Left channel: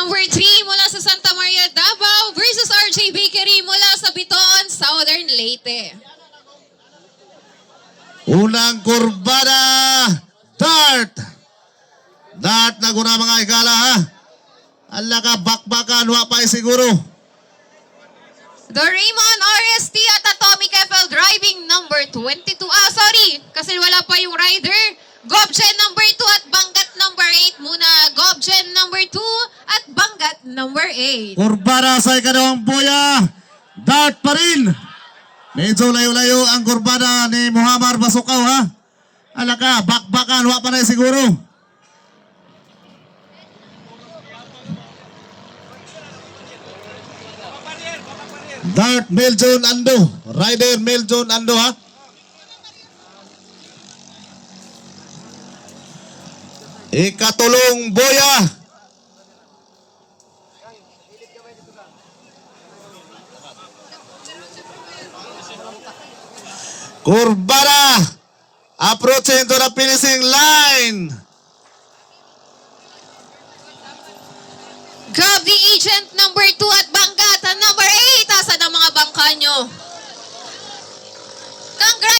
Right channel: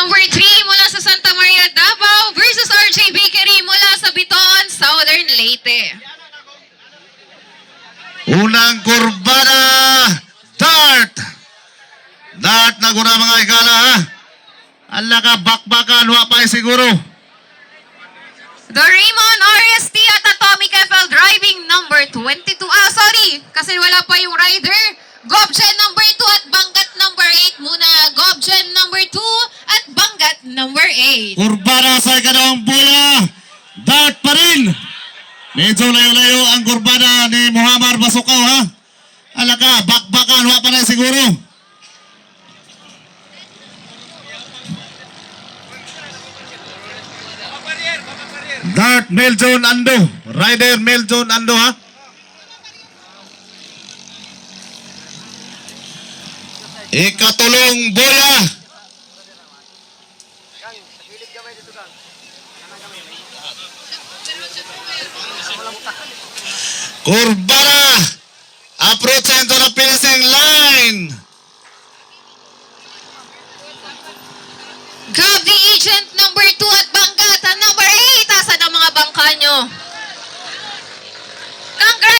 number 3 mula sa Santa Maria, Davao versus RJ Bakery mula sa Biton, Southern Leyte. Unang kurbada, dart. Dart na guna mga igala ha. Ala ka bakbakan, wa pa eh siguro. The Raymond RST at Atomic FL driving number 22. Ah, sorry, kasi wala pa yung rider. Gobjen at number 8. Kurbada sa ikalawang boya, dart pa rin. Medyo layo-layo ang kurbada ni Muhammad Basukaw ha. Ala ka, bakbakan, wa pa na siguro. Dart Meljon Ando. Rider Meljon Ando ha. Ikatulong Kang, sa gilid dito, Kang. Kanang gamay, may. Kurba na! Approaching to the finishing line! Grabe agent number 2 at bangga at number 8 asa ng mga bangka nyo.